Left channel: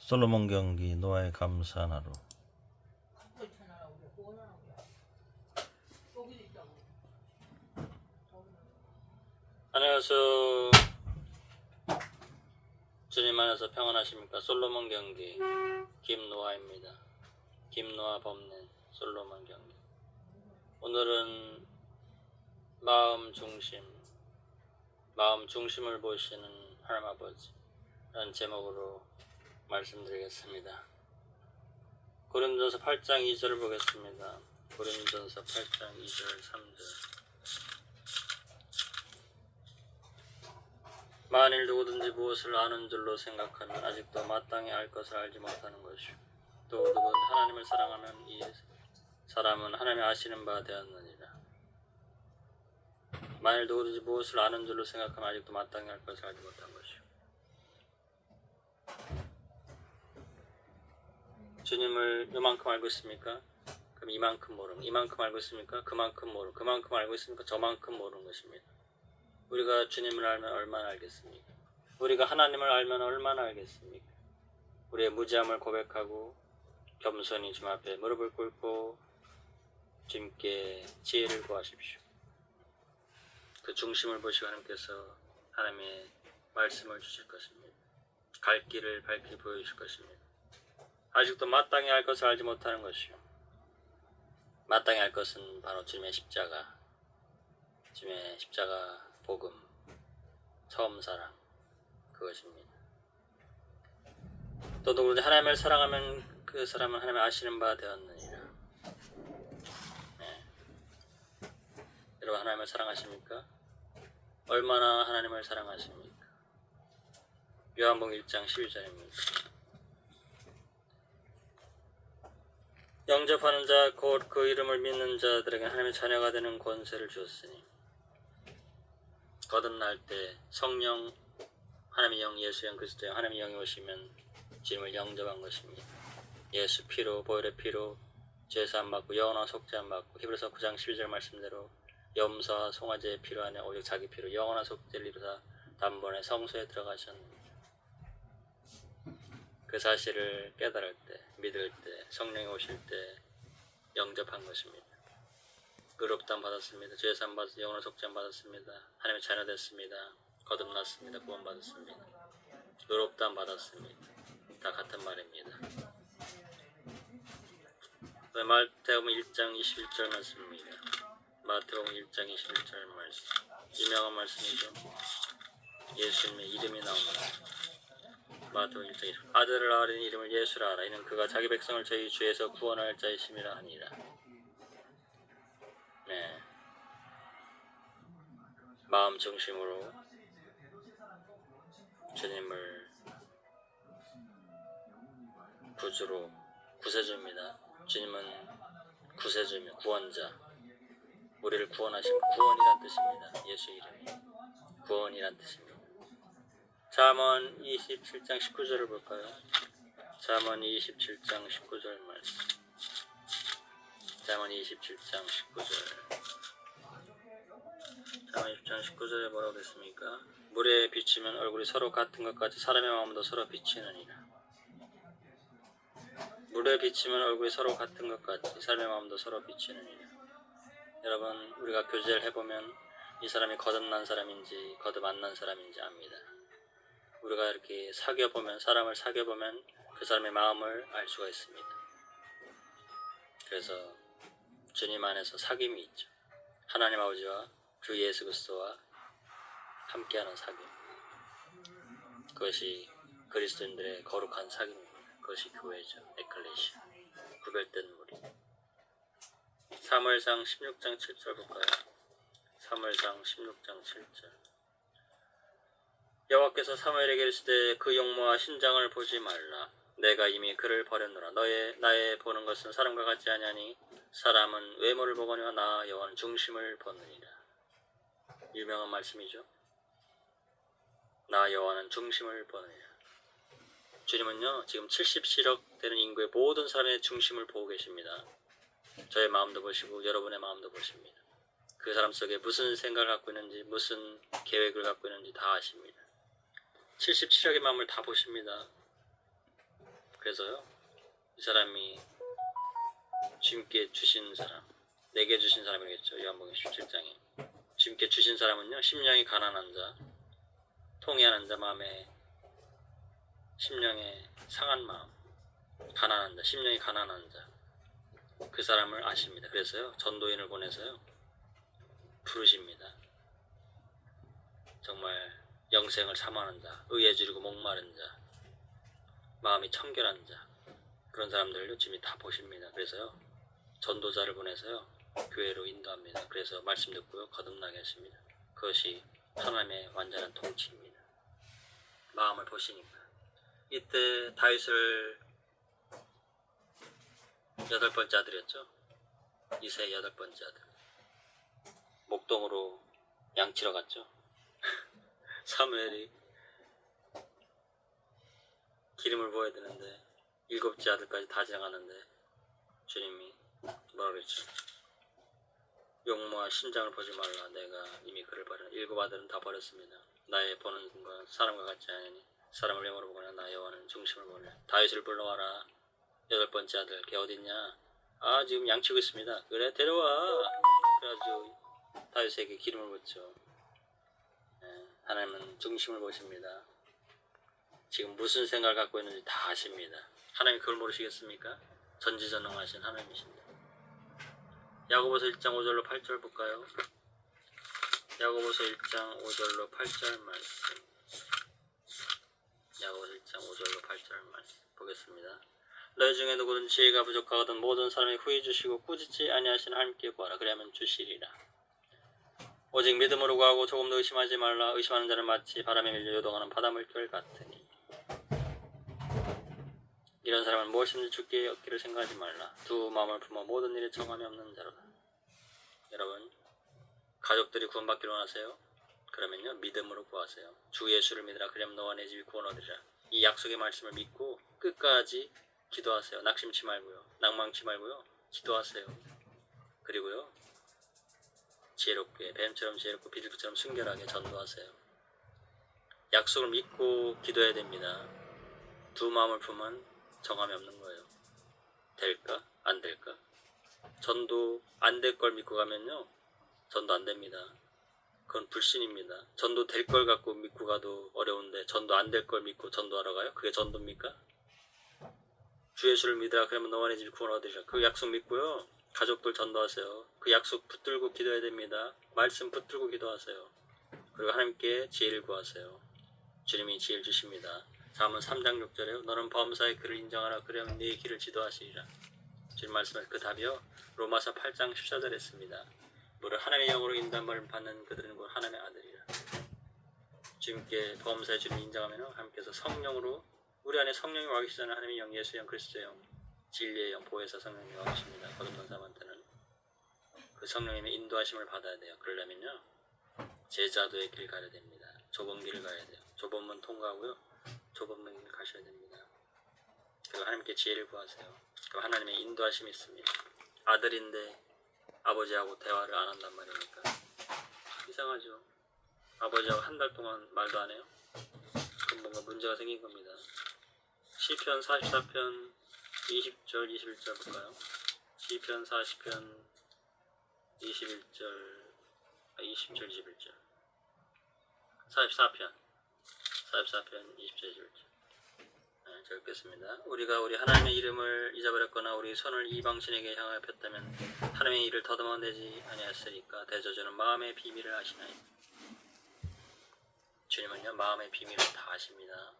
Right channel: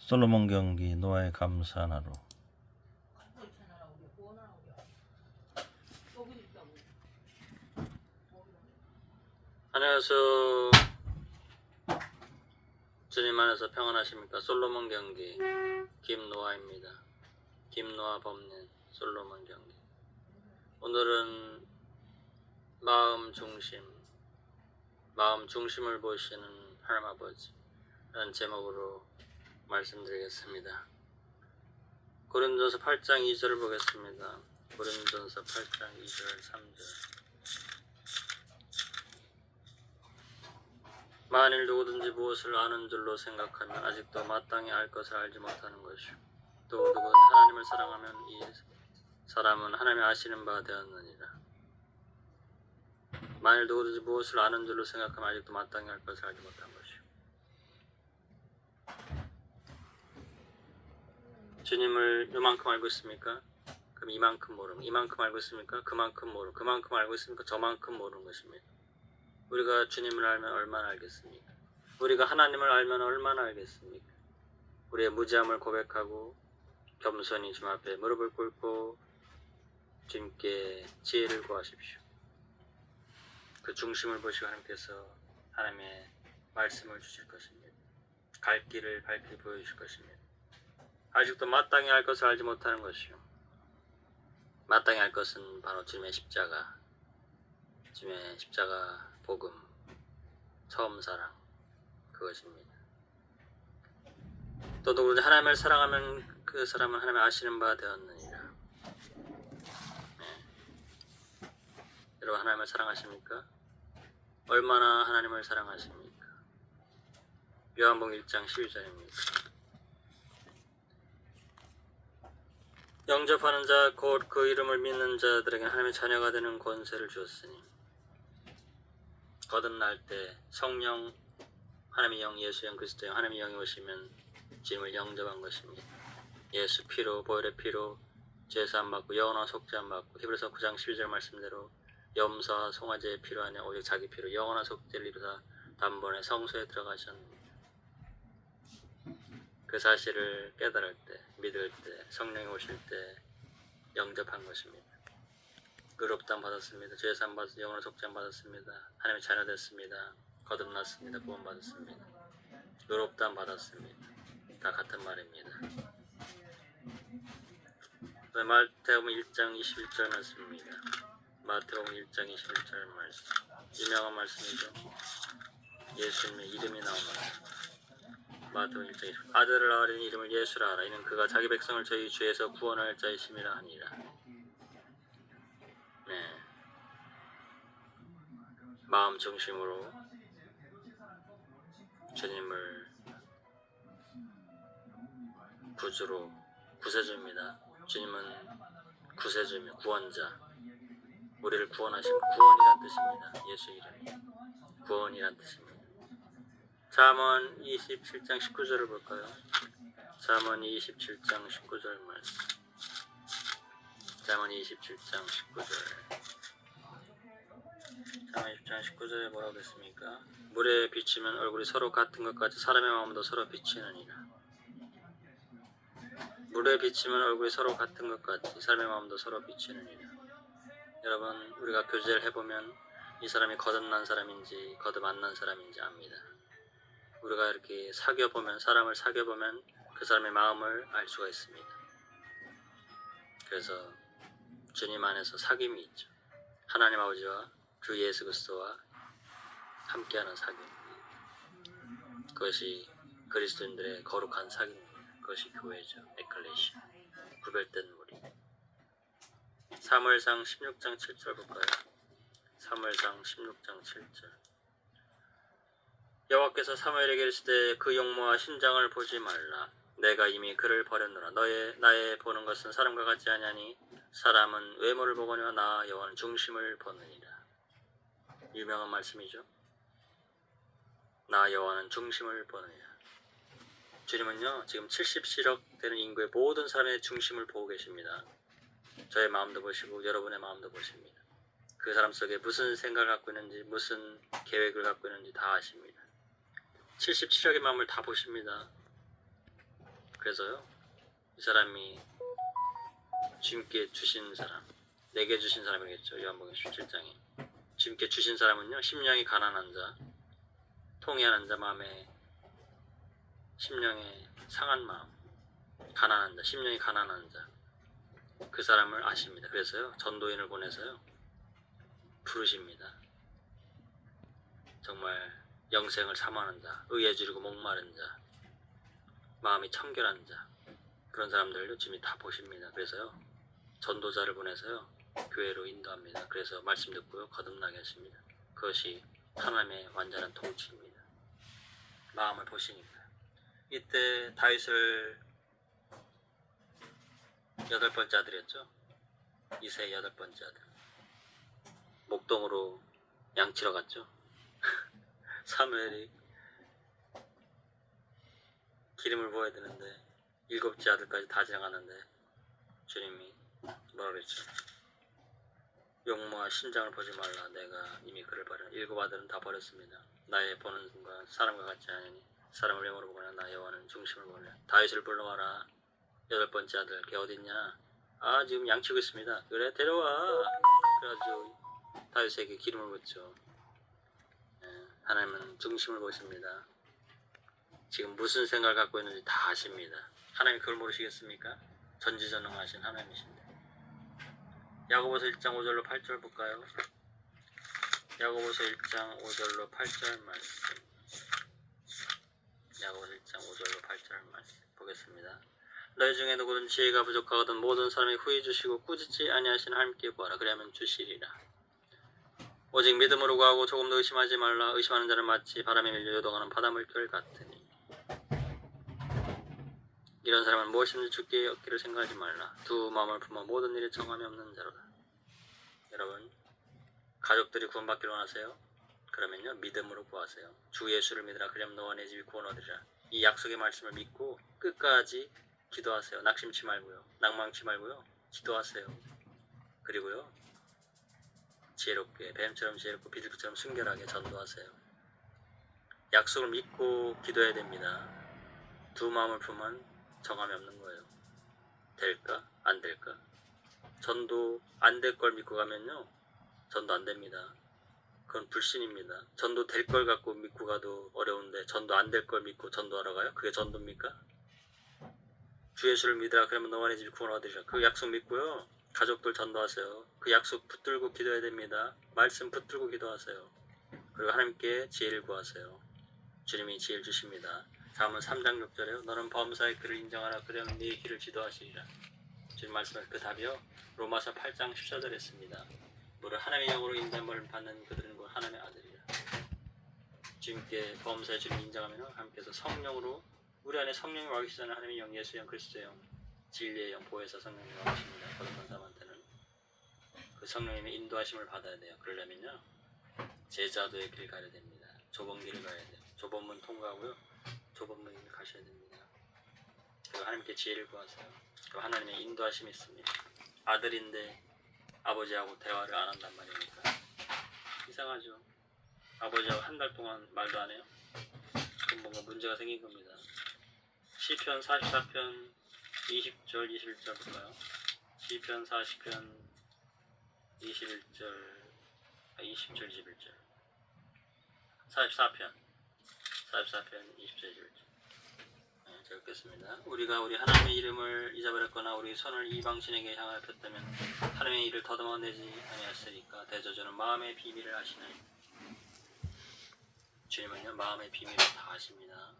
솔로몬 경기 노아의 감사한 하루. 안녕하세요. 주님 안에서 평안하십니까? 솔로몬 경기 김노아입니다. 김노아 법낸 솔로몬 경기. 오늘은 마음 중심을 보시는 하나님 아버지라는 제목으로 말씀드리겠습니다. 고린도서 8장 2절을 보겠습니다. 고린도서 8장 2절 3절. 만일 누구든지 무엇을 아는 줄로 생각하면 아직도 마땅히 알 것을 알지 못하는 것이요, 또 누구든지 하나님을 사랑하면 이 사람은 하나님이 아시는 바 되었느니라. 만일 누구든지 무엇을 아는 줄로 생각하면 아직도 마땅히 알 것을 알지 못한 것이요. 주님을 요만큼 알고 있습니까? 그럼 이만큼 모르는, 이만큼 알고 있습니까? 그만큼 모르는, 그만큼 알고 있습니까? 저만큼 모르는 것입니다. 우리가 주님을 알면 얼마나 알겠습니까? 우리가 하나님을 알면 얼마나 알겠습니까? 우리의 무지함을 고백하고 겸손히 주님 앞에 무릎을 꿇고 주님께 지혜를 구하십시오. 그 중심을 보시고 하나님께서 하나님의 말씀을 주실 것입니다. 갈 길을 밝히 보여주실 것입니다. 아직도 마땅히 알 것을 알지 못하는 것이요, 마땅히 알 것은 바로 주님의 십자가, 주님의 십자가 복음, 처음 사랑, 그것입니다. 또 누구든지 하나님을 사랑하면 그 사람은 하나님을 아시는 바 되었느니라. 네. 여러분, 하나님을 사랑하십니까? 얼마나 하나님을 사랑하십니까? 요한복음 1장 12절입니다. 영접하는 자, 곧 그 이름을 믿는 자들에게 하나님의 자녀가 되는 권세를 주었으니, 거듭날 때 성령, 하나님의 영, 예수 영, 그리스도 영, 하나님의 영이 오시면 주님을 영접한 것입니다. 예수 피로, 보혈의 피로 죄사함 받고 영원한 속죄함 받고, 히브리서 9장 12절 말씀대로 염소와 송아지의 피로 아니라 오직 자기 피로 영원한 속죄를 이루사 단번에 성소에 들어가셨습니다. 그 사실을 깨달을 때, 믿을 때, 성령이 오실 때 영접한 것입니다. 의롭다함 받았습니다. 죄사함 받았습니다. 영원한 속죄함 받았습니다. 하나님의 자녀 됐습니다. 거듭났습니다. 구원 받았습니다. 의롭다함 받았습니다. 다 같은 말입니다. 마태복음 1장 21절 말씀입니다. 마태복음 1장 21절 말씀, 유명한 말씀이죠. 예수님의 이름이 나옵니다. 마태복음 1장 21절. 아들을 낳으리니 이름을 예수라 하라. 이는 그가 자기 백성을 저희 죄에서 구원할 자이심이라 하니라. 네. 마음 중심으로 주님을 구주로, 구세주입니다. 주님은 구세주이며 구원자, 우리를 구원하시고, 구원이란 뜻입니다. 예수 이름이 구원이란 뜻입니다. 잠언 27장 19절을 볼까요? 잠언 27장 19절 말씀. 잠언 27장 19절. 잠언 27장 19절에 뭐라고 했습니까? 물에 비치면 얼굴이 서로 같은 것 같이 사람의 마음도 서로 비치느니라. 물에 비치면 얼굴이 서로 같은 것 같이 사람의 마음도 서로 비치느니라. 여러분, 우리가 교제를 해보면 이 사람이 거듭난 사람인지 거듭 안 난 사람인지 압니다. 우리가 이렇게 사람을 사귀어보면 그 사람의 마음을 알 수가 있습니다. 그래서 주님 안에서 사귐이 있죠. 하나님 아버지와 주 예수 그리스도와 함께하는 사귐, 그것이 그리스도인들의 거룩한 사귐입니다. 그것이 교회죠. 에클레시아, 구별된 무리. 사무엘상 16장 7절 볼까요? 사무엘상 16장 7절. 여호와께서 사무엘에게 이르시되 그 용모와 신장을 보지 말라. 내가 이미 그를 버렸노라. 나의 보는 것은 사람과 같지 아니하니 사람은 외모를 보거니와 나 여호와는 중심을 보느니라. 유명한 말씀이죠. 나 여호와는 중심을 보느니라. 주님은요, 지금 77억 되는 인구의 모든 사람의 중심을 보고 계십니다. 저의 마음도 보시고 여러분의 마음도 보십니다. 그 사람 속에 무슨 생각을 갖고 있는지, 무슨 계획을 갖고 있는지 다 아십니다. 77억의 마음을 다 보십니다. 그래서요, 이 사람이 주님께 주신 사람, 내게 주신 사람이겠죠. 요한복음 17장에 주님께 주신 사람은요, 심령이 가난한 자, 통회하는 자, 마음에 심령에 상한 마음, 가난한 자, 심령이 가난한 자, 그 사람을 아십니다. 그래서요, 전도인을 보내서요, 부르십니다. 정말 영생을 사모하는 자, 의에 주르고 목마른 자, 마음이 청결한 자, 그런 사람들을 주님이 다 보십니다. 그래서요, 전도자를 보내서요, 교회로 인도합니다. 그래서 말씀 듣고요, 거듭나게 하십니다. 그것이 하나님의 완전한 통치입니다. 마음을 보시니까. 이때 다윗을 8번째 아들이었죠. 이세의 8번째 아들. 목동으로 양치러 갔죠. 사무엘이 기름을 부어야 되는데 7째 아들까지 다 지나갔는데 주님이 뭐라 그랬죠? 용모와 신장을 보지 말라. 내가 이미 그를 버려. 7 아들은 다 버렸습니다. 나의 보는 순간 사람과 같지 않으니 사람을 영으로 보거나 나의 원하는 중심을 보려. 다윗을 불러와라. 8번째 아들 걔 어딨냐? 아, 지금 양치고 있습니다. 그래, 데려와. 그래가지고 다윗에게 기름을 붓죠. 하나님은 중심을 보십니다. 지금 무슨 생각을 갖고 있는지 다 아십니다. 하나님이 그걸 모르시겠습니까? 전지전능하신 하나님이십니다. 야고보서 1장 5절로 8절 볼까요? 야고보서 1장 5절로 8절 말씀. 야고보서 1장 5절로 8절 말씀 보겠습니다. 너희 중에 누구든 지혜가 부족하거든 모든 사람이 후히 주시고 꾸짖지 아니하시는 하나님께 구하라. 그리하면 주시리라. 오직 믿음으로 구하고 조금도 의심하지 말라. 의심하는 자는 마치 바람에 밀려 요동하는 바닷물결 같으니 이런 사람은 무엇이든지 주께 얻기를 생각하지 말라. 두 마음을 품어 모든 일에 정함이 없는 자로다. 여러분, 가족들이 구원받기를 원하세요? 그러면요, 믿음으로 구하세요. 주 예수를 믿으라. 그러면 너와 내 집이 구원 얻으리라. 이 약속의 말씀을 믿고 끝까지 기도하세요. 낙심치 말고요. 낭망치 말고요. 기도하세요. 그리고요, 지혜롭게, 뱀처럼 지혜롭고 비둘기처럼 순결하게 전도하세요. 약속을 믿고 기도해야 됩니다. 두 마음을 품은 정함이 없는 거예요. 될까? 안 될까? 전도 안 될 걸 믿고 가면요, 전도 안 됩니다. 그건 불신입니다. 전도 될 걸 갖고 믿고 가도 어려운데 전도 안 될 걸 믿고 전도하러 가요? 그게 전도입니까? 주 예수를 믿으라. 그러면 너와 내 집이 구원 얻으리라. 그 약속 믿고요, 가족들 전도하세요. 그 약속 붙들고 기도해야 됩니다. 말씀 붙들고 기도하세요. 그리고 하나님께 지혜를 구하세요. 주님이 지혜를 주십니다. 잠언 3장 6절에요. 너는 범사의 그를 인정하라. 그러면 네 길을 지도하시리라. 주님 말씀은 그 답이요, 로마서 8장 14절에 있습니다. 무릇 하나님의 영으로 인도함을 받는 그들은 곧 하나님의 아들이라. 주님께 범사의 주님 인정하면 하나님께서 성령으로, 우리 안에 성령이 와 계시잖아요. 하나님의 영, 예수의 영, 그리스도의 영, 진리의 영, 보혜사 성령이 와 계십니다. 거듭난 사람한테는 그 성령님의 인도하심을 받아야 돼요. 그러려면요, 제자도의 길 가야 됩니다. 좁은 길을 가야 돼요. 좁은 문 통과하고요, 좁은 문을 가셔야 됩니다. 그리고 하나님께 지혜를 구하세요. 그럼 하나님의 인도하심이 있습니다. 아들인데 아버지하고 대화를 안 한단 말입니까? 이상하죠. 아버지하고 한 달 동안 말도 안 해요? 그럼 뭔가 문제가 생긴 겁니다. 시편 44편 20절 21절 볼까요? 시편 40편 20절 21절 44편 20절 21절 읽겠습니다. 우리가 우리 하나님의 이름을 잊어버렸거나 우리 손을 이방신에게 향하여 폈다면 하나님의 일을 더듬어내지 아니하였으리까. 대저주는 마음의 비밀을 아시나요? 주님은요, 마음의 비밀을 다 아십니다.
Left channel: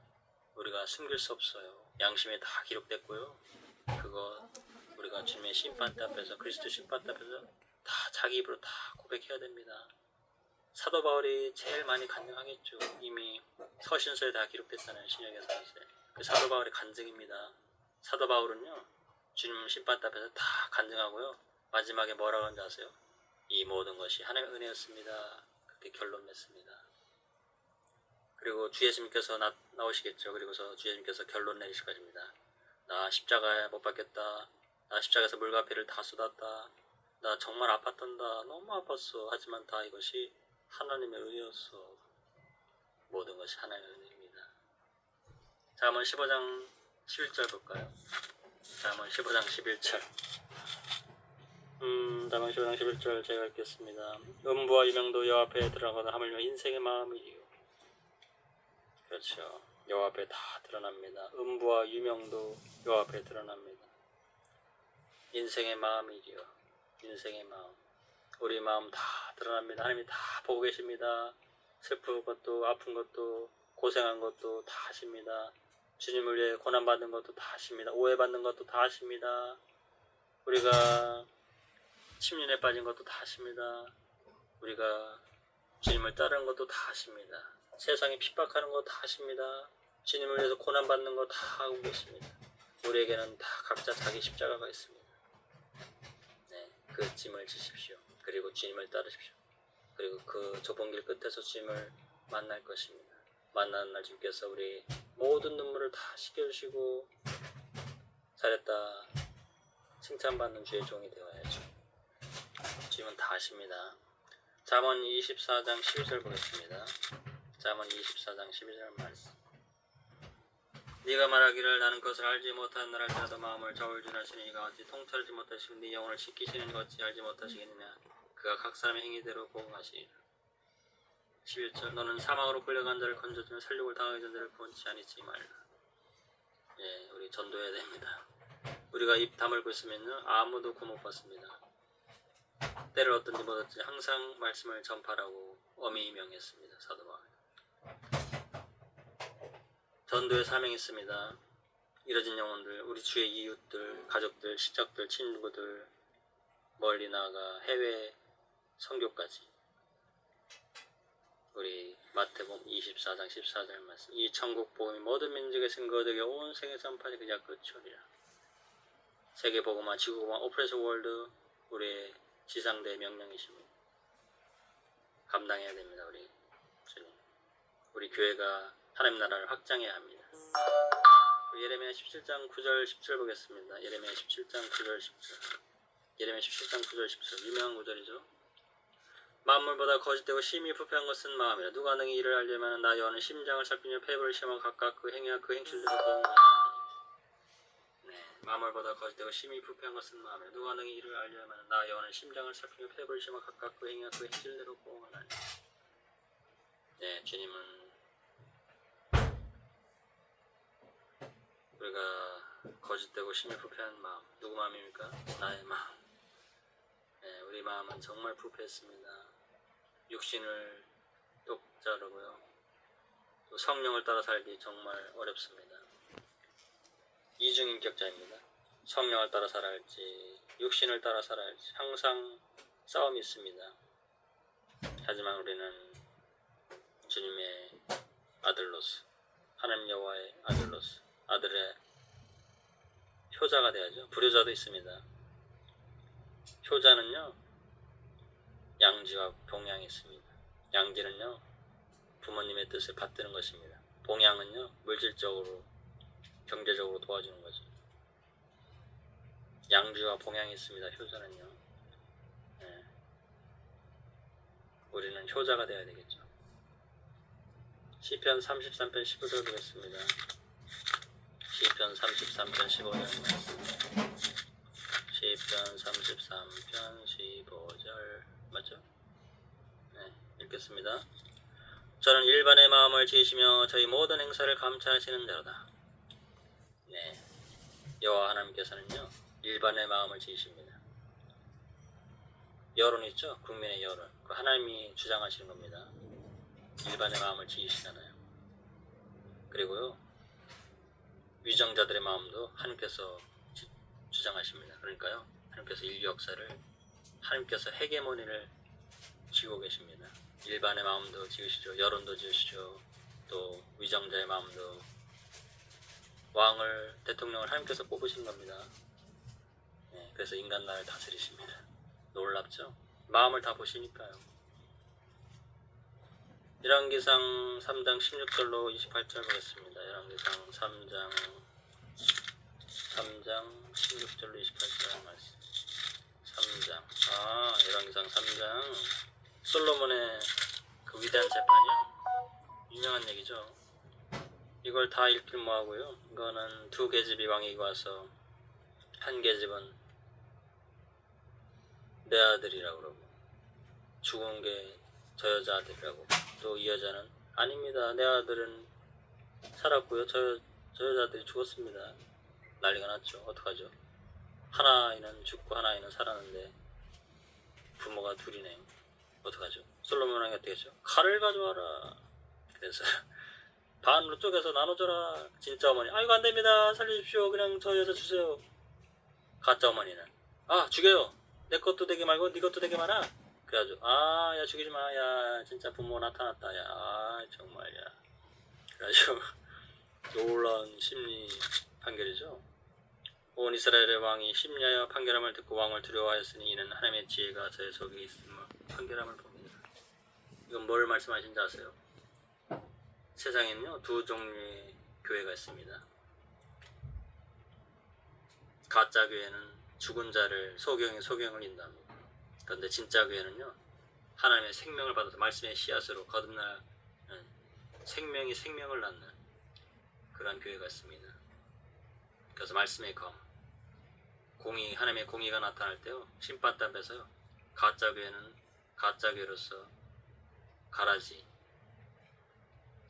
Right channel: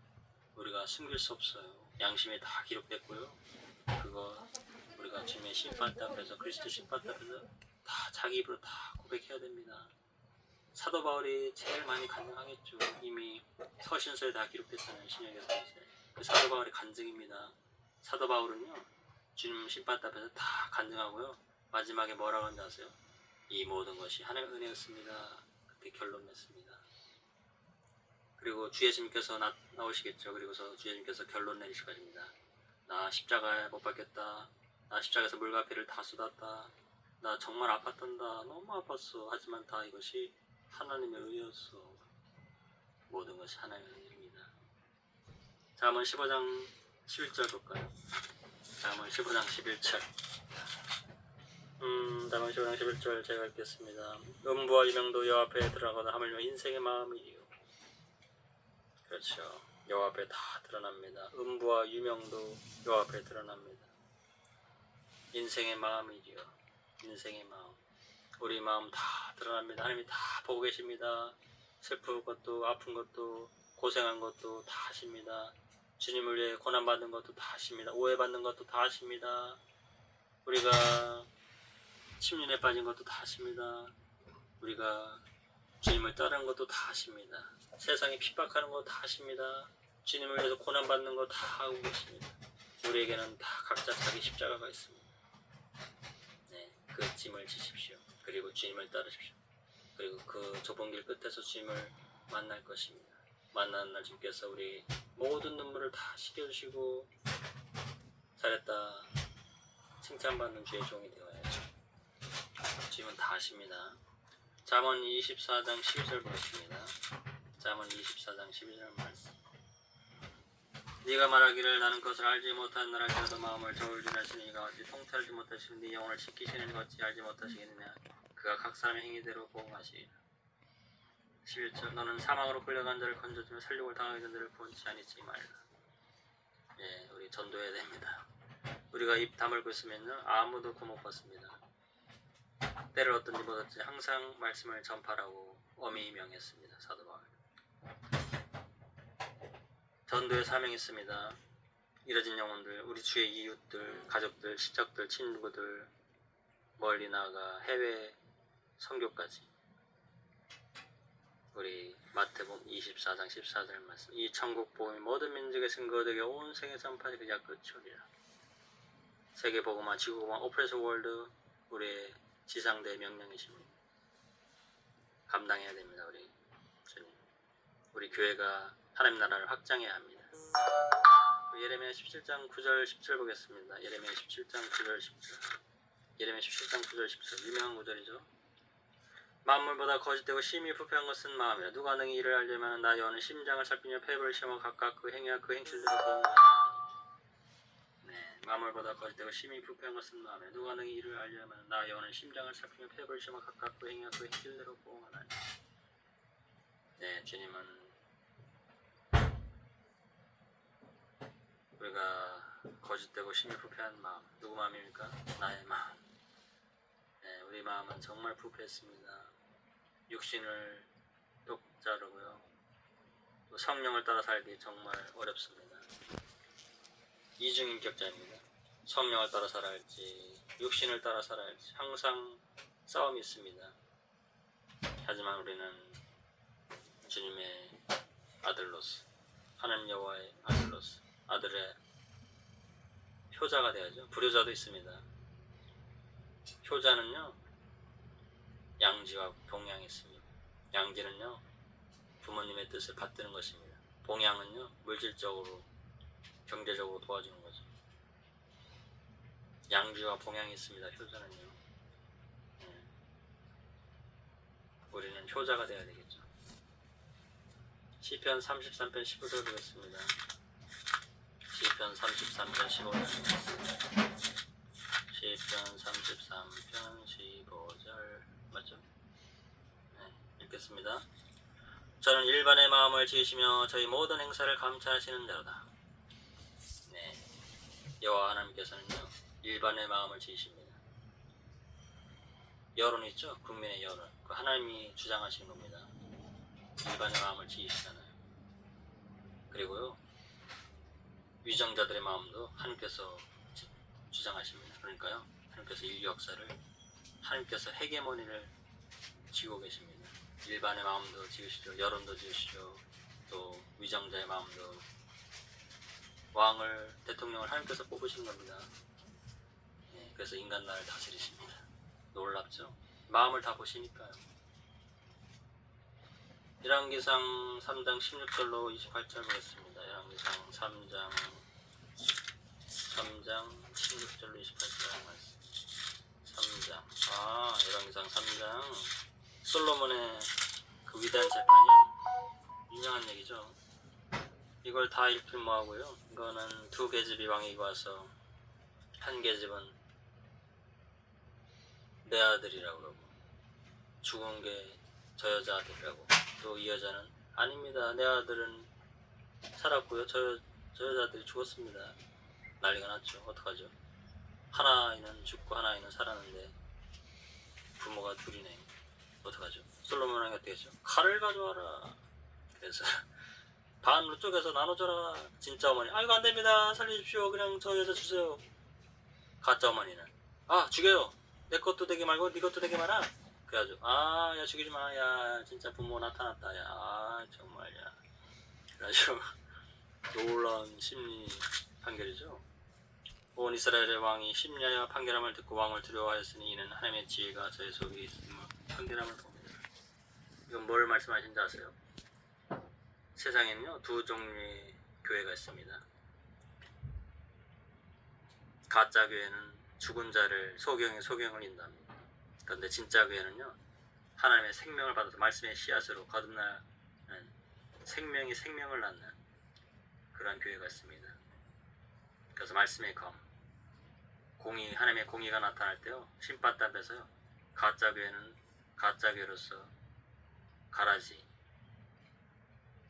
우리가 숨길 수 없어요. 양심에 다 기록됐고요, 그거 우리가 주님의 심판대 앞에서, 그리스도 심판대 앞에서 다 자기 입으로 다 고백해야 됩니다. 사도 바울이 제일 많이 간증하겠죠. 이미 서신서에 다 기록됐잖아요. 신약에서. 그 사도 바울의 간증입니다. 사도 바울은요, 주님 심판대 앞에서 다 간증하고요, 마지막에 뭐라고 하는지 아세요? 이 모든 것이 하나님의 은혜였습니다. 그렇게 결론 냈습니다. 그리고 주 예수님께서 나오시겠죠. 그리고서 주 예수님께서 결론 내리실 것입니다. 나 십자가에 못 박혔다. 나 십자가에서 물과 피를 다 쏟았다. 나 정말 아팠단다. 너무 아팠어. 하지만 다 이것이 하나님의 은혜였어. 모든 것이 하나님의 은혜입니다. 잠언 15장 11절 볼까요? 잠언 15장 11절. 잠언 15장 11절 제가 읽겠습니다. 음부와 유명도 여호와 앞에 드러나거든 하물며 인생의 마음이요. 그렇죠. 여호와 앞에 다 드러납니다. 음부와 유명도 여호와 앞에 드러납니다. 인생의 마음이요. 인생의 마음. 우리 마음 다 드러납니다. 하나님이 다 보고 계십니다. 슬픈 것도 아픈 것도 고생한 것도 다 아십니다. 주님을 위해 고난받는 것도 다 아십니다. 오해받는 것도 다 아십니다. 우리가 침륜에 빠진 것도 다 아십니다. 우리가 주님을 따르는 것도 다 아십니다. 세상에 핍박하는 것도 다 아십니다. 주님을 위해서 고난받는 거 다 알고 계십니다. 우리에게는 다 각자 자기 십자가가 있습니다. 네, 그 짐을 지십시오. 그리고 주님을 따르십시오. 그리고 그 좁은 길 끝에서 주님을 만날 것입니다. 만나는 날 주님께서 우리 모든 눈물을 다 씻겨주시고 잘했다 칭찬받는 주의 종이 되어야죠. 주님은 다 아십니다. 잠언 24장 12절 보겠습니다. 잠언 24장 12절 말씀. 네가 말하기를 나는 그것을 알지 못하는 날 할지라도 마음을 저울질하시는 이가 어찌 통찰하지 못하시고 네 영혼을 지키시는 이가 어찌 알지 못하시겠느냐. 그가 각 사람의 행위대로 보응하시리라. 11절. 너는 사망으로 끌려간 자를 건져주며 살육을 당하게 된 자를 구원치 아니지 말라. 예, 우리 전도해야 됩니다. 우리가 입 다물고 있으면요 아무도 구원 못 받습니다. 때를 얻든지 못 얻든지 항상 말씀을 전파라고 엄히 명했습니다. 사도 바울. 전도의 사명이 있습니다. 잃어진 영혼들, 우리 주의 이웃들, 가족들, 친척들, 친구들, 멀리 나가 해외 선교까지. 우리 마태복음 24장 14절 말씀. 이 천국 복음이 모든 민족의 증거되게 온 세계 전파지 그자 끝이오리라. 세계 복음화, 지구 복음화, 오프레션 월드 우리의 지상대 명령이십니다. 감당해야 됩니다. 우리 주님. 우리 교회가 하나님 나라를 확장해야 합니다. 예레미야 17장 9절 10절 보겠습니다. 예레미야 17장 9절 10절. 예레미야 17장 9절 10절. 유명한 구절이죠. 만물보다 거짓되고 심히 부패한 것은 마음이라. 누가 능히 이를 알려면 나 여호와는 심장을 살피며 폐부를 시험하 각각 그 행위와 그 행실대로 보응하나니. 네, 만물보다 거짓되고 심히 부패한 것은 마음이라. 누가 능히 이를 알려면 나 여호와는 심장을 살피며 폐부를 시험하 각각 그 행위와 그 행실대로 보응하나니. 네, 주님은 우리가 거짓되고 심히 부패한 마음, 누구 마음입니까? 나의 마음. 네, 우리 마음은 정말 부패했습니다. 육신을 똑자르고요. 또 성령을 따라 살기 정말 어렵습니다. 이중인격자입니다. 성령을 따라 살아야 할지, 육신을 따라 살아야 할지 항상 싸움이 있습니다. 하지만 우리는 주님의 아들로서, 하나님 여호와의 아들로서 아들의 효자가 되어야죠. 불효자도 있습니다. 효자는요 양지와 봉양이 있습니다. 양지는요 부모님의 뜻을 받드는 것입니다. 봉양은요 물질적으로 경제적으로 도와주는 거죠. 양지와 봉양이 있습니다. 효자는요. 네. 우리는 효자가 되어야 되겠죠. 시편 33편 15절 보겠습니다. 시편 33편 15절 시편 33편 15절 맞죠? 네, 읽겠습니다. 저는 일반의 마음을 지으시며 저희 모든 행사를 감찰하시는 자로다. 네, 여호와 하나님께서는요 일반의 마음을 지으십니다. 여론 있죠? 국민의 여론. 그 하나님이 주장하시는 겁니다. 일반의 마음을 지으시잖아요. 그리고요 위정자들의 마음도 하나님께서 주장하십니다. 그러니까요 하나님께서 인류 역사를 하나님께서 헤게모니를 지고 계십니다. 일반의 마음도 지으시죠. 여론도 지으시죠. 또 위정자의 마음도. 왕을 대통령을 하나님께서 뽑으신 겁니다. 네, 그래서 인간 나라를 다스리십니다. 놀랍죠? 마음을 다 보시니까요. 열왕기상 3장 16절로 28절 보겠습니다. 열왕기상 3장 16절로 28절 말씀. 3장. 열왕기상 3장. 솔로몬의 그 위대한 재판이요. 유명한 얘기죠. 이걸 다 읽길 뭐하고요. 이거는 두 계집이 왕에게 와서 한 계집은 내 아들이라고 그러고 죽은 게 저 여자 아들이라고, 또 이 여자는 아닙니다, 내 아들은 살았고요, 저 여자들이 죽었습니다. 난리가 났죠. 어떡하죠? 하나는 죽고 하나는 살았는데 부모가 둘이네. 어떡하죠? 솔로몬 왕이 어떻게 했죠? 칼을 가져와라. 그래서 반으로 쪼개서 나눠줘라. 진짜 어머니, 아이고 안됩니다, 살려주십시오, 그냥 저 여자 주세요. 가짜 어머니는, 아 죽여요, 내 것도 되게 말고 네 것도 되게 많아. 그래가지고 야 죽이지마, 야 진짜 부모 나타났다, 야 정말, 야. 그래가지고 놀라운 심리 판결이죠. 온 이스라엘의 왕이 심리하여 판결함을 듣고 왕을 두려워하였으니 이는 하나님의 지혜가 저의 속에 있음을 판결함을 봅니다. 이건 뭘 말씀하신지 아세요? 세상에는요 두 종류의 교회가 있습니다. 가짜 교회는 죽은 자를 소경을 인도합니다. 그런데 진짜 교회는요 하나님의 생명을 받아서 말씀의 씨앗으로 거듭나는, 생명이 생명을 낳는 그런 교회가 있습니다. 그래서 말씀의 검, 하나님의 공의가 나타날 때요 심판답에서요 가짜 교회는 가짜 교회로서 가라지,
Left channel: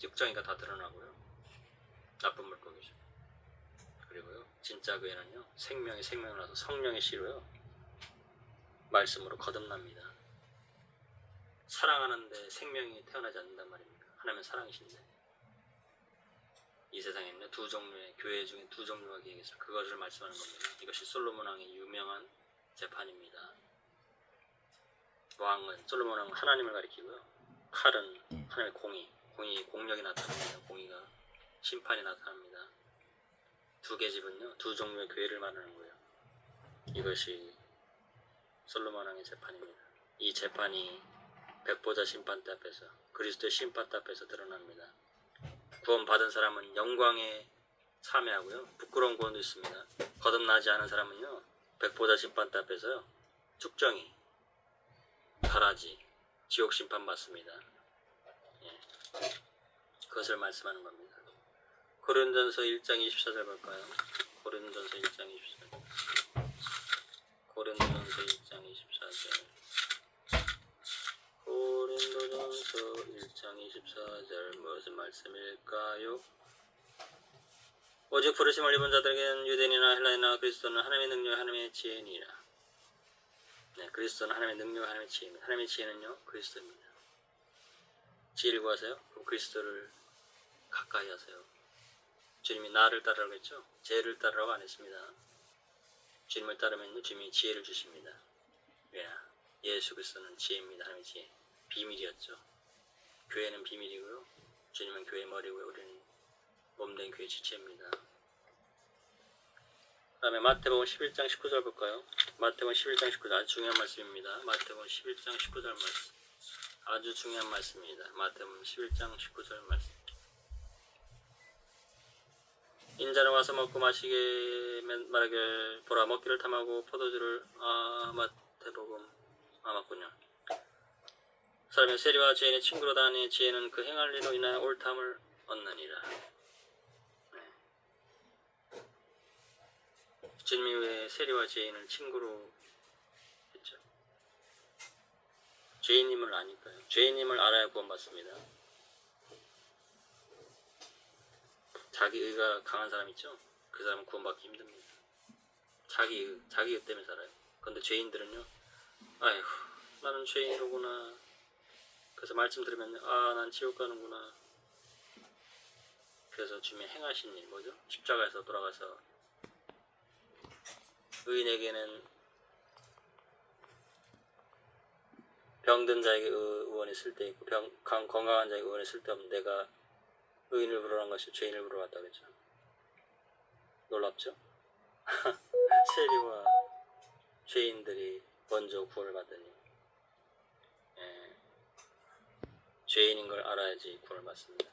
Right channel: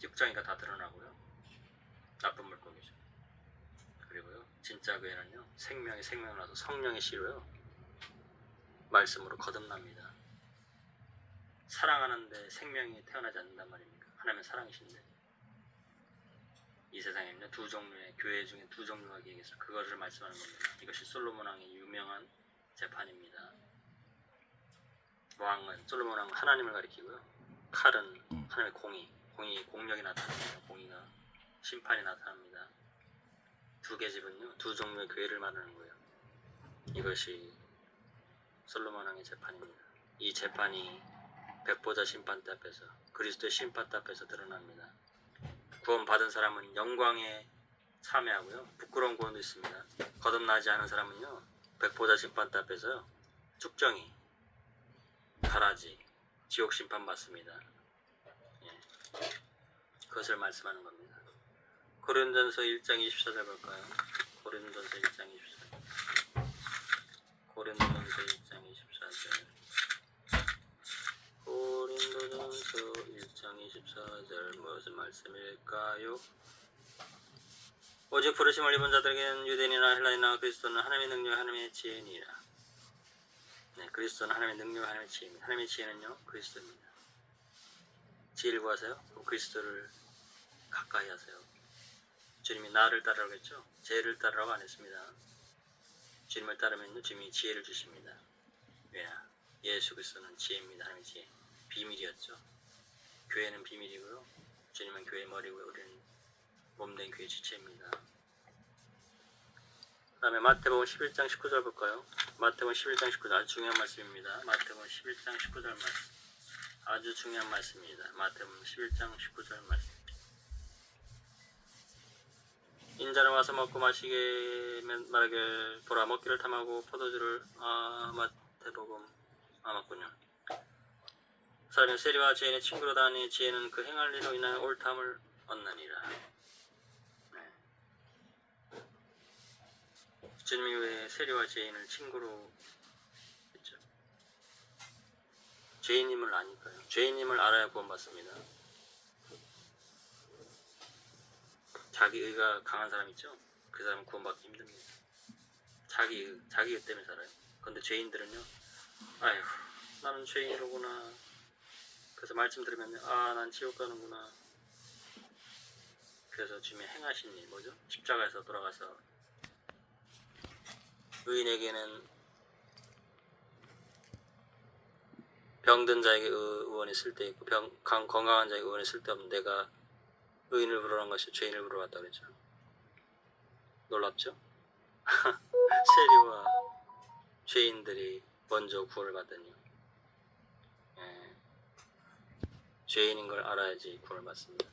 육정이가 다 드러나고요, 나쁜 물고기죠. 그리고요 진짜 교회는요 생명이 생명을 낳아서 성령의 씨로요 말씀으로 거듭납니다. 사랑하는데 생명이 태어나지 않는단 말입니까? 하나님은 사랑이신데. 이 세상에는요 두 종류의 교회 중에 두 종류가 계셔서 그것을 말씀하는 겁니다. 이것이 솔로몬 왕의 유명한 재판입니다. 솔로몬 왕은 하나님을 가리키고요, 칼은 하나님의 공력이 나타납니다. 공의가, 심판이 나타납니다. 두 계집은요 두 종류의 교회를 말하는 거예요. 이것이 솔로몬 왕의 재판입니다. 이 재판이 백보자 심판대 앞에서, 그리스도의 심판대 앞에서 드러납니다. 구원받은 사람은 영광에 참여하고요, 부끄러운 구원도 있습니다. 거듭나지 않은 사람은요 백보자 심판대 앞에서요 쭉정이, 가라지, 지옥 심판 받습니다. 예. 그것을 말씀하는 겁니다. 고린도전서 1장 24절 볼까요? 고린도전서 1장 24절. 고린도전서 1장 24절. 고린도전서 1장 24절 무슨 말씀일까요? 오직 부르심을 입은 자들에게는 유대인이나 헬라인이나 그리스도는 하나님의 능력, 하나님의 지혜니라. 네, 그리스도는 하나님의 능력, 하나님의 지혜입니다. 하나님의 지혜는요 그리스도입니다. 지혜를 구하세요. 그럼 그리스도를 가까이 하세요. 주님이 나를 따르라고 했죠? 죄를 따르라고 안 했습니다. 주님을 따르면 주님이 지혜를 주십니다. 왜냐? 예수 그리스도는 지혜입니다. 하나님의 지혜. 비밀이었죠. 교회는 비밀이고요, 주님은 교회의 머리고요, 우리는 몸된 교회 지체입니다. 그 다음에 마태복음 11장 19절 볼까요? 마태복음 11장 19절 아주 중요한 말씀입니다. 마태복음 11장 19절 말씀, 아주 중요한 말씀입니다. 마태복음 11장 19절 말씀. 인자는 와서 먹고 마시게 말하길, 보라 먹기를 탐하고 포도주를, 마태복음, 맞군요. 사람이 세리와 죄인의 친구로다 하니 지혜는 그 행할 일로 인하여 옳담을 얻느니라. 네. 주님이 왜 세리와 죄인을 친구로 했죠? 죄인임을 아니까요. 죄인임을 알아야 구원받습니다. 자기 의가 강한 사람 있죠? 그 사람은 구원받기 힘듭니다. 자기 의 때문에 살아요. 그런데 죄인들은요, 아이고 나는 죄인이로구나. 그래서 말씀 들으면 난 지옥 가는구나. 그래서 주님의 행하신 일 뭐죠? 십자가에서 돌아가서 의인에게는 병든 자에게 의원이 쓸데있고 건강한 자에게 의원이 쓸데없는, 내가 의인을 부르는 것이 죄인을 부르러 왔다고 그랬죠. 놀랍죠? 세리와 죄인들이 먼저 구원을 받으니, 죄인인 걸 알아야지 구원을 받습니다.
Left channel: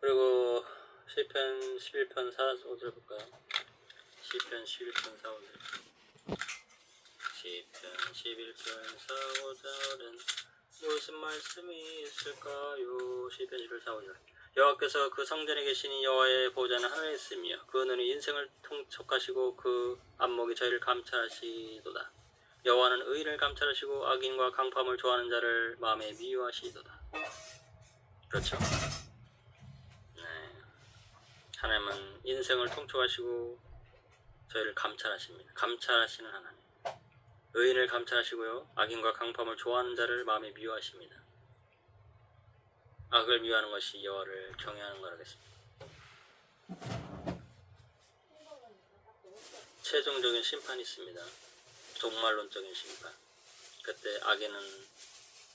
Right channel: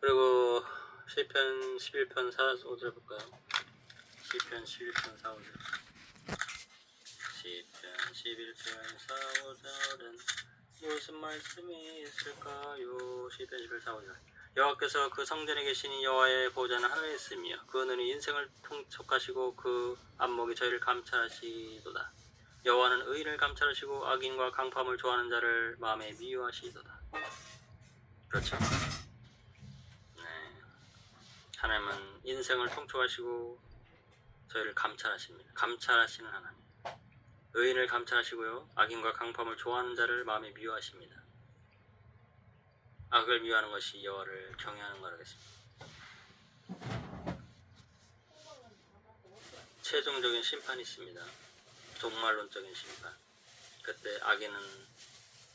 그리고 시편 11편 4, 5절 볼까요? 시편 11편 4, 5절. 시편 11편 4, 5절은 무슨 말씀이 있을까요? 시편 11편 4, 5절. 여호와께서 그 성전에 계시니 여호와의 보좌는 하늘에 있으며 그 눈이 인생을 통촉하시고 그 안목이 저희를 감찰하시도다. 여호와는 의인을 감찰하시고 악인과 강포함을 좋아하는 자를 마음에 미워하시도다. 그렇죠? 네. 하나님은 인생을 통촉하시고 저희를 감찰하십니다. 감찰하시는 하나님. 의인을 감찰하시고요. 악인과 강포함을 좋아하는 자를 마음에 미워하십니다. 악을 미워하는 것이 여호와를 경외하는 거라겠습니다. 최종적인 심판이 있습니다. 종말론적인 심판. 그때 악인은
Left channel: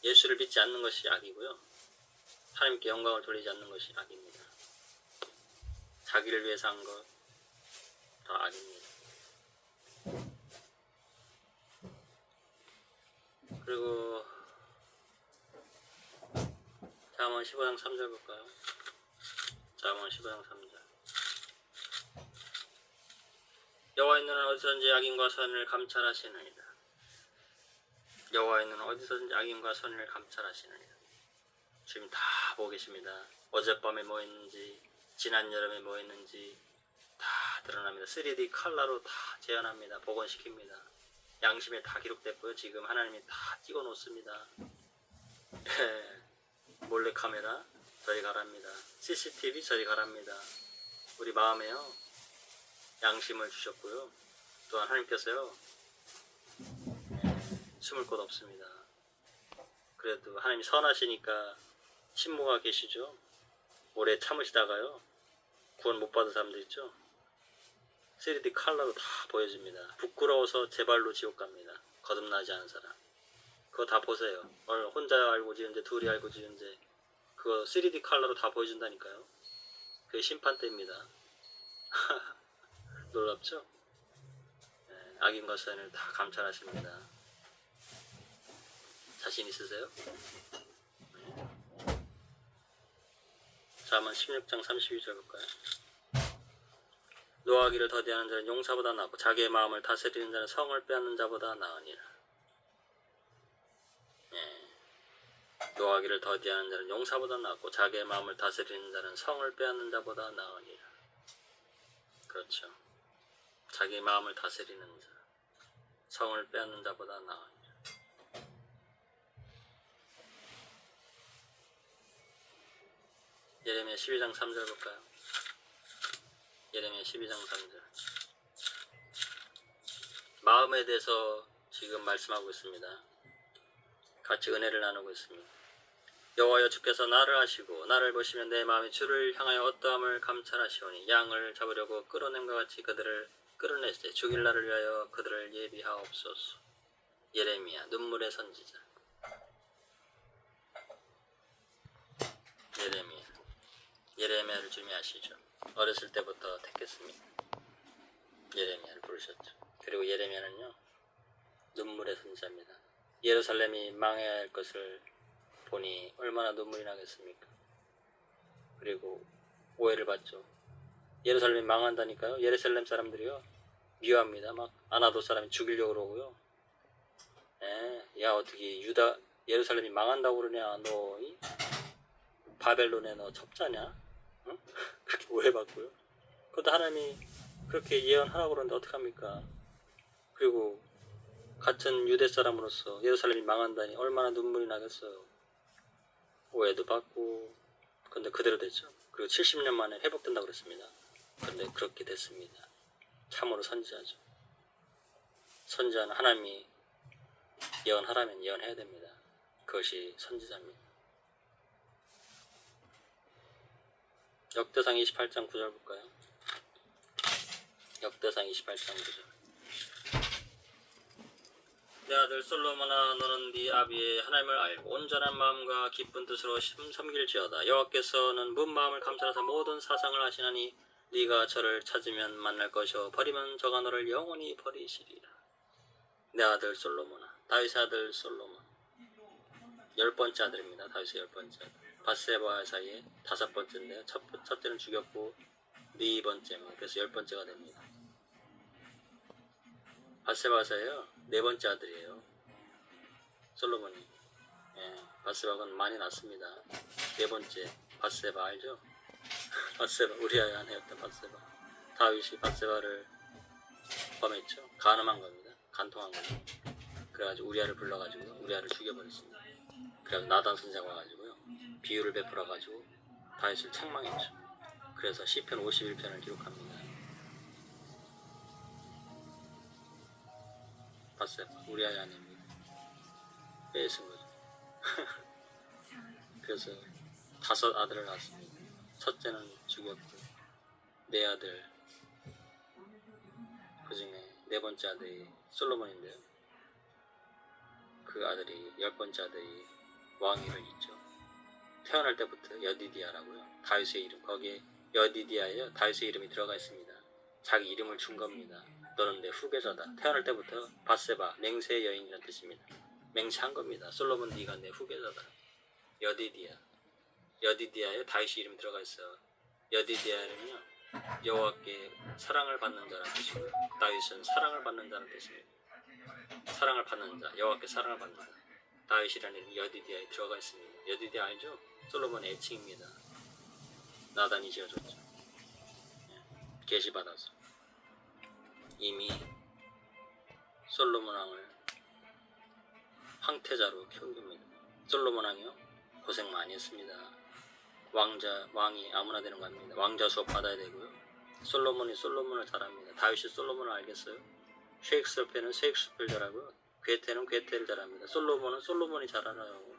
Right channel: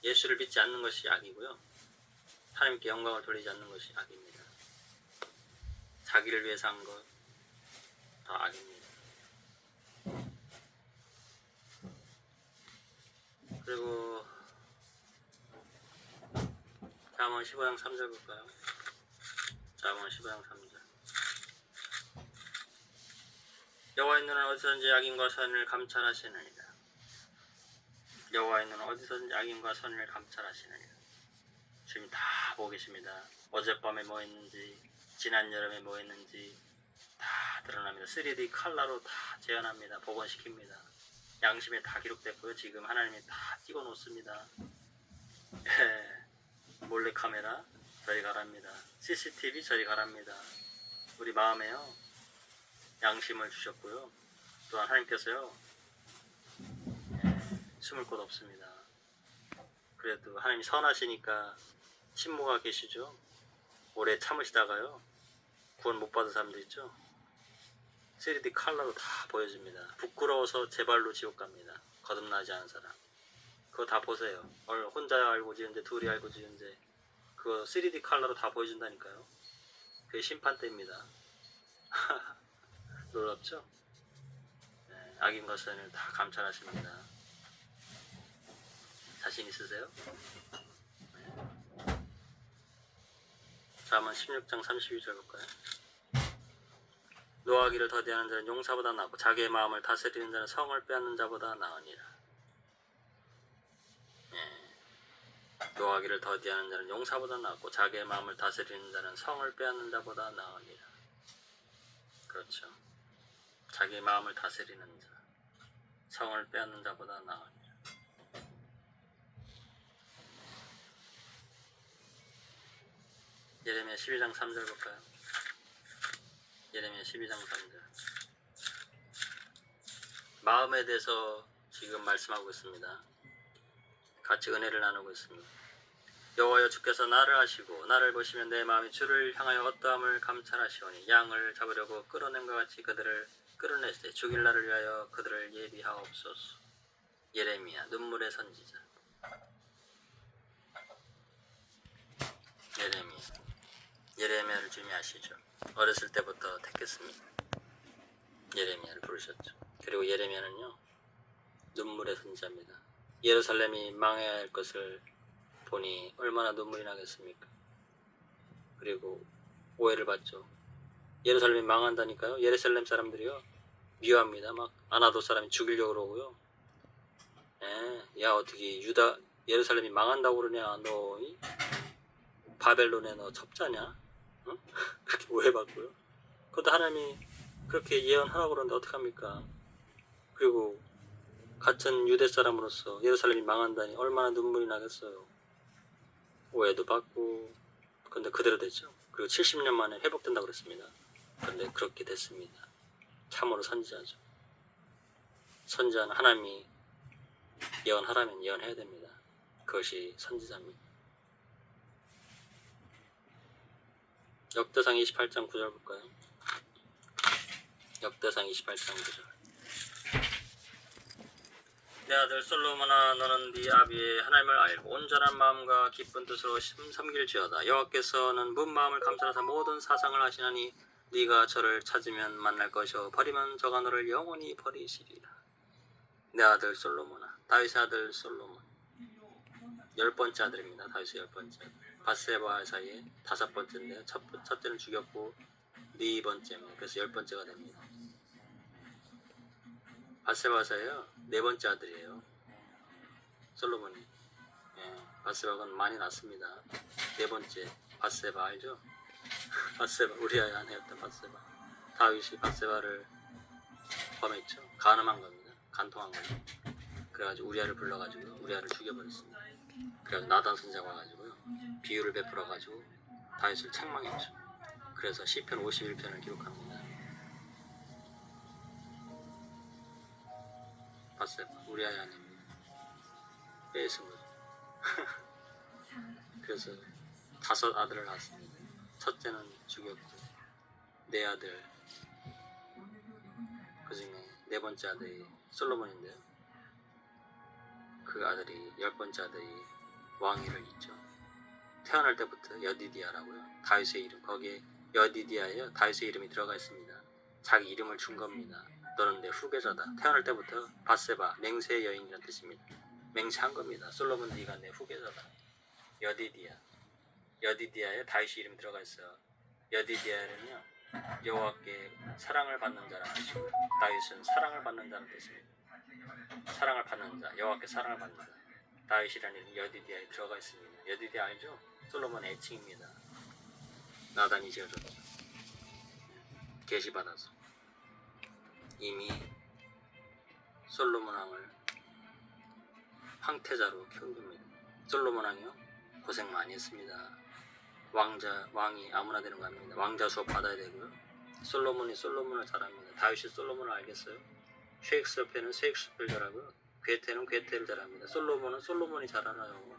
예수를 믿지 않는 것이 악이고요. 하나님께 영광을 돌리지 않는 것이 악입니다. 자기를 위해서 한 것 더 악입니다. 그리고 잠언 15장 3절 볼까요? 잠언 15장 3절. 여호와의 눈은 어디서든지 악인과 선인을 감찰하시느니라. 여호와의 눈은 어디서든지 악인과 선인을 감찰하시느니라. 지금 다 보고 계십니다. 어젯밤에 뭐 했는지, 지난 여름에 뭐 했는지 다 드러납니다. 3D 칼라로 다 재현합니다. 복원시킵니다. 양심에 다 기록됐고요. 지금 하나님이 다 찍어 놓습니다. 몰래카메라 저리 가랍니다. CCTV 저리 가랍니다. 우리 마음에요. 양심을 주셨고요. 또한 하나님께서요. 숨을 곳 없습니다. 그래도 하나님이 선하시니까 신모가 계시죠. 오래 참으시다가요. 구원 못 받은 사람들 있죠. 3D 칼라로 다 보여줍니다. 부끄러워서 제 발로 지옥 갑니다. 거듭나지 않은 사람. 그거 다 보세요. 혼자 알고 지은데 둘이 알고 지은데 그거 3D 칼라로 다 보여준다니까요. 그게 심판 때입니다. 놀랍죠? 네, 악인과 선을 다 감찰하십니다. 자신 있으세요? 네. 잠언 16장 32절 볼까요? 노하기를 더디하는 자는 용사보다 낫고 자기의 마음을 다스리는 자는 성을 빼앗는 자보다 나으니라. 네. 노하기를 더디하는 자는 용사보다 낫고 자기의 마음을 다스리는 자는 성을 빼앗는 자보다 나으니라. 그렇죠. 자기의 마음을 다스리는 자, 성을 빼앗는 자보다 나으니라. 예레미야 12장 3절 볼까요? 예레미야 12장 3절. 마음에 대해서 지금 말씀하고 있습니다. 같이 은혜를 나누고 있습니다. 여호와여 주께서 나를 아시고 나를 보시면 내 마음이 주를 향하여 어떠함을 감찰하시오니 양을 잡으려고 끌어낸것 같이 그들을 끌어내시되 죽일 날을 위하여 그들을 예비하옵소서. 예레미야 눈물의 선지자. 예레미야를 주님이 아시죠. 어렸을 때부터 택했습니다. 예레미야를 부르셨죠. 그리고 예레미야는요 눈물의 선지자입니다. 예루살렘이 망해야 할 것을 보니 얼마나 눈물이 나겠습니까? 그리고 오해를 받죠. 예루살렘이 망한다니까요. 예루살렘 사람들이요 미워합니다. 막 아나도 사람이 죽이려고 그러고요. 야 어떻게 예루살렘이 망한다고 그러냐. 너 바벨론에 너 첩자냐? 응? 그렇게 오해받고요. 그것도 하나님이 그렇게 예언하라고 그러는데 어떡합니까? 그리고 같은 유대 사람으로서 예루살렘이 망한다니 얼마나 눈물이 나겠어요. 오해도 받고 근데 그대로 됐죠. 그리고 70년 만에 회복된다고 그랬습니다. 그런데 그렇게 됐습니다. 참으로 선지자죠. 선지자는 하나님이 예언하라면 예언해야 됩니다. 그것이 선지자입니다. 역대상 28장 9절 볼까요? 역대상 28장 9절. 내 아들 솔로몬아 너는 네 아비의 하나님을 알고 온전한 마음과 기쁜 뜻으로 섬길지어다. 여호와께서는 문 마음을 감찰하사 모든 사상을 하시나니 네가 저를 찾으면 만날 것이요 버리면 저가 너를 영원히 버리시리라. 내 아들 솔로몬아. 다윗의 아들 솔로몬 10번째 아들입니다. 다윗의 10번째 아들. 밧세바와 사이에 5번째인데 첫째는 죽였고 4번째입니다. 그래서 10번째가 됩니다. 밧세바와 사이에요 4번째 아들이에요. 솔로몬이. 밧세바가 많이 낳습니다. 4번째 밧세바 알죠? 밧세바 우리아의 아내였던 밧세바. 다윗이 밧세바를 범했죠. 간음한 겁니다. 간통한 겁니다. 그래가지고 우리아를 불러가지고 우리아를 죽여버렸습니다. 그래서 나단 선자가 와가지고요 비유를 베풀어가지고 다윗을 책망했죠. 그래서 시편 51편을 기록합니다. 밧세바 우리아의 아내입니다. 빼앗은 거죠. 그래서 5 아들을 낳았습니다. 첫째는 죽였고 4 아들, 그 중에 4번째 아들이 솔로몬인데요. 그 아들이 10번째 아들이 왕위를 잇죠. 태어날 때부터 여디디아라고요. 다윗의 이름, 거기에 여디디아에 다윗의 이름이 들어가 있습니다. 자기 이름을 준 겁니다. 너는 내 후계자다. 태어날 때부터 밧세바, 맹세의 여인이라는 뜻입니다. 맹세한 겁니다. 솔로몬 네가 내 후계자다. 여디디아, 여디디아에 다윗의 이름이 들어가 있어. 여디디아는요 여호와께 사랑을 받는 자라는 뜻이고요. 다윗은 사랑을 받는 자라는 뜻입니다. 사랑을 받는 자, 여호와께 사랑을 받는 자. 다윗이라는 이름이 여디디아에 들어가 있습니다. 여디디아 알죠? 솔로몬의 애칭입니다. 나단이 지어줬죠. 계시받아서 이미 솔로몬 왕을 황태자로 키운 겁니다. 솔로몬 왕이요 고생 많이 했습니다. 왕이 아무나 되는 거 아닙니다. 왕자 수업 받아야 되고요. 솔로몬이 솔로몬을 잘합니다. 다윗이 솔로몬을 알겠어요? 셰익스피어는 셰익스피어를 잘하고요. 괴테는 괴테를 잘합니다. 솔로몬은 솔로몬이 잘 알아요.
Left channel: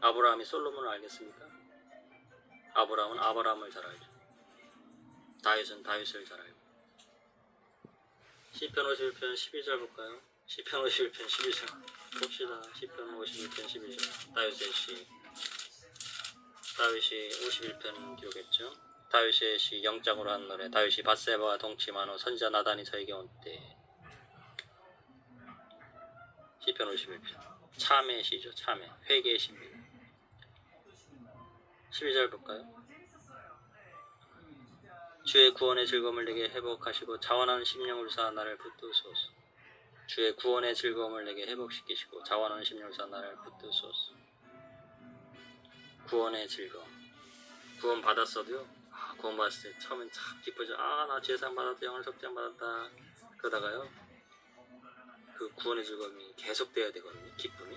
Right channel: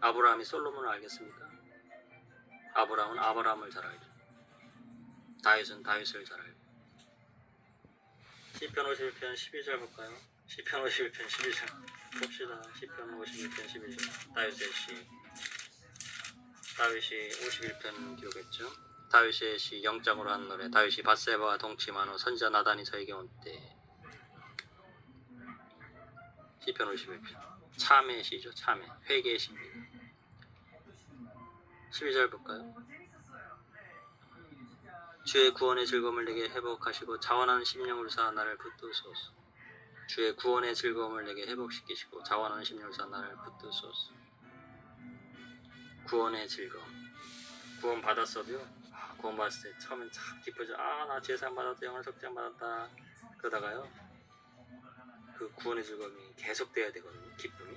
아브라함이 솔로몬을 알겠습니까? 아브라함은 아브라함을 잘 알죠. 다윗은 다윗을 잘 알고. 시편 51편 12절 볼까요? 시편 51편 12절 봅시다. 시편 51편 12절 다윗의 시. 다윗이 51편 기록했죠. 다윗의 시 영장으로 한 노래. 다윗이 밧세바와 동침한 후 선지자 나단이 저에게 온 때. 시편 51편 참의 시죠. 참의 회개의 시입니다. 12절 볼까요? 주의 구원의 즐거움을 내게 회복하시고 자원하는 심령을 사 나를 붙드소서. 주의 구원의 즐거움을 내게 회복시키시고 자원하는 심령을 사 나를 붙드소서. 구원의 즐거움. 구원 받았어도요. 구원 받았을 때 처음엔 참 기쁘죠. 나 죄상 받았다, 영원한 속죄함 받았다. 그러다가요 그 구원의 즐거움이 계속돼야 되거든요. 기쁨이.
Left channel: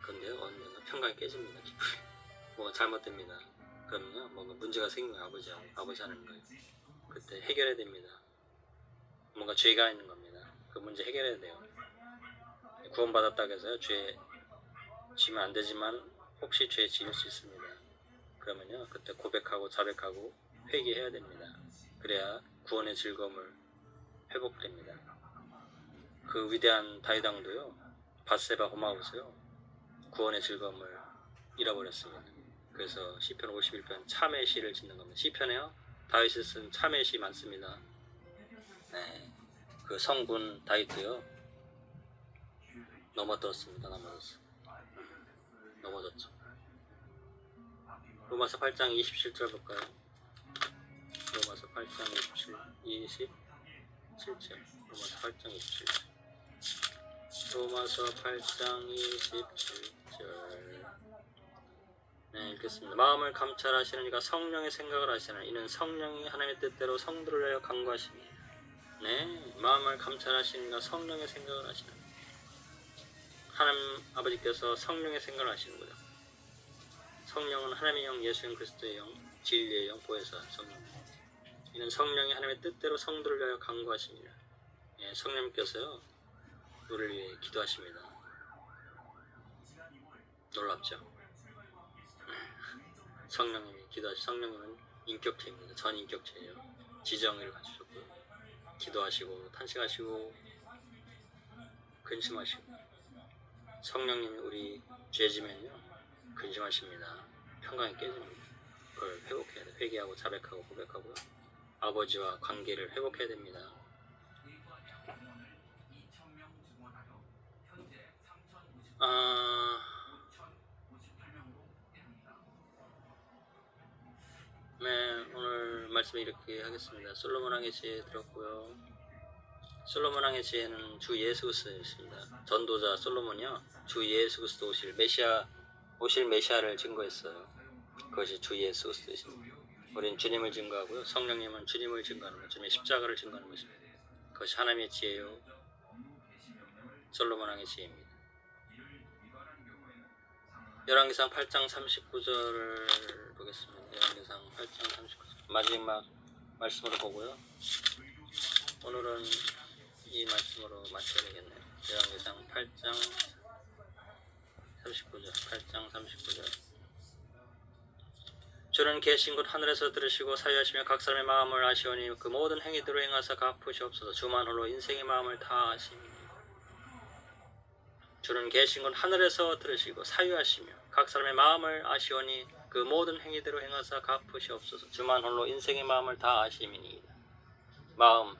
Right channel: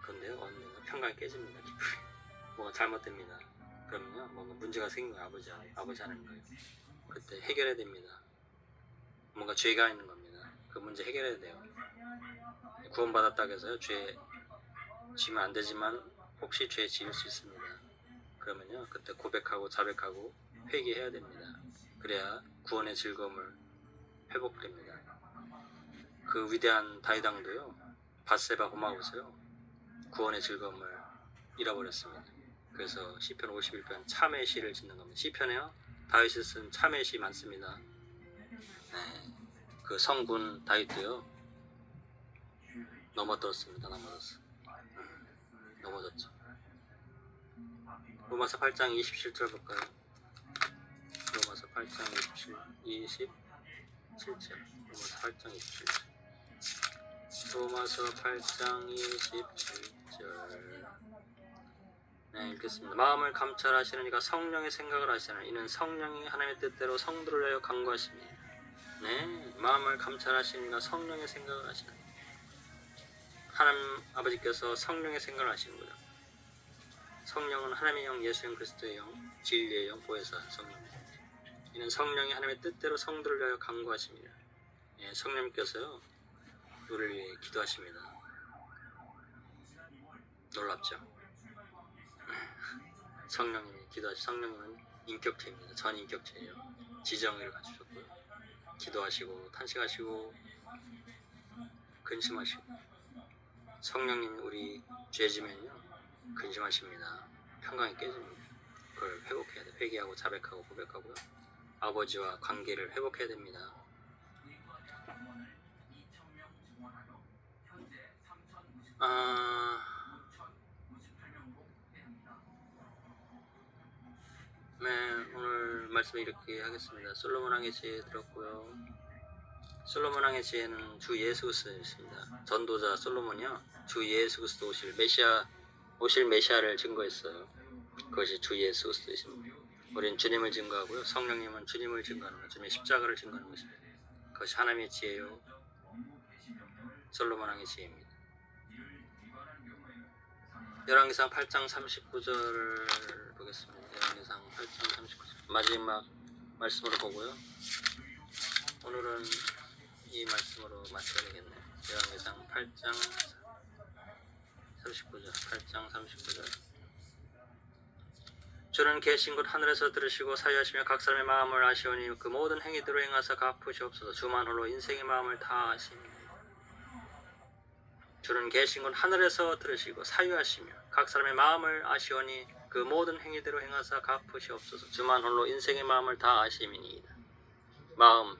그런데요 언젠가 평강이 깨집니다. 기쁨이. 뭐가 잘못됩니다. 그러면요 뭔가 문제가 생긴 거예요. 아버지 하는 거예요. 그때 해결해야 됩니다. 뭔가 죄가 있는 겁니다. 그 문제 해결해야 돼요. 구원 받았다고 해서요 죄 지면 안 되지만 혹시 죄 지을 수 있습니다. 그러면요 그때 고백하고 자백하고 회개해야 됩니다. 그래야 구원의 즐거움을 회복됩니다. 그 위대한 다윗 왕도요 밧세바 홈하우스요 구원의 즐거움을 잃어버렸습니다. 그래서 시편 51편 참의 시를 짓는 겁니다. 시편에요 다윗이 쓴 참의 시 많습니다. 그 성군 다윗도요 넘어졌습니다. 넘어졌죠. 로마서 8장 27절 볼까요? 로마서 8장 27절. 로마서 8장 27절. 로마서 8장 27절. 네, 읽겠습니다. 마음을 감찰하시는 이가 성령의 생각을 하시는 이는 성령이 하나님의 뜻대로 성도를 위하여 간구하시니. 네, 마음을 감찰하시는 이가 성령의 생각을 하시는. 하나님 아버지께서 성령의 생각을 하시는 거죠. 성령은 하나님의 영, 예수님 그리스도의 영, 진리의 영, 보혜사 성령. 이는 성령이 하나님의 뜻대로 성도를 위하여 간구하십니다. 예, 성령님께서요 우리를 위해 기도하십니다. 놀랍죠? 성령님이 기도하시. 성령님은 인격체입니다. 전인격체예요. 지정의를 갖추셨고 기도하시고 탄식하시고 근심하시고. 성령님이 우리 죄지면요 근심하십니다. 평강이 깨집니다. 그걸 회복해야 돼. 회개하고 자백하고 고백하고요. 아버지와 관계를 회복해야 됩니다. 네, 오늘 말씀 이렇게 하겠습니다. 솔로몬 왕의 지혜 들었고요. 솔로몬 왕의 지혜는 주 예수 그리스도였습니다. 전도자 솔로몬이요 주 예수 그리스도 오실 메시아 오실 메시아를 증거했어요. 그것이 주 예수 그리스도이십니다. 우리는 주님을 증거하고요. 성령님은 주님을 증거하는 것, 주님의 십자가를 증거하는 것입니다. 그것이 하나님의 지혜요, 솔로몬 왕의 지혜입니다. 열왕기상 8장 39절을 보겠습니다. 열왕기상 8장 39절 마지막 말씀으로 보고요. 오늘은 이 말씀으로 마쳐야 되겠네요. 열왕기상 8장 39절 8장 39절 주는 계신 곳 하늘에서 들으시고 사유하시며 각 사람의 마음을 아시오니 그 모든 행위대로 행하사 갚으시옵소서. 주만 홀로 인생의 마음을 다 아십니다. 주는 계신 곳 하늘에서 들으시고 사유하시며 각 사람의 마음을 아시오니 그 모든 행위대로 행하사 갚으시옵소서. 주만 홀로 인생의 마음을 다 아심이니이다. 마음,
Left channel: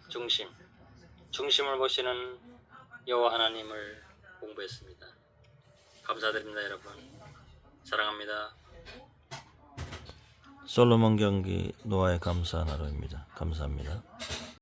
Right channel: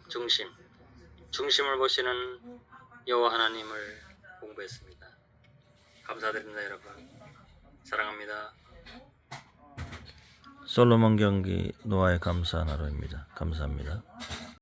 중심을 보시는 여호와 하나님을 공부했습니다. 감사드립니다, 여러분. 사랑합니다. 솔로몬 경기 노아의 감사한 하루입니다. 감사합니다.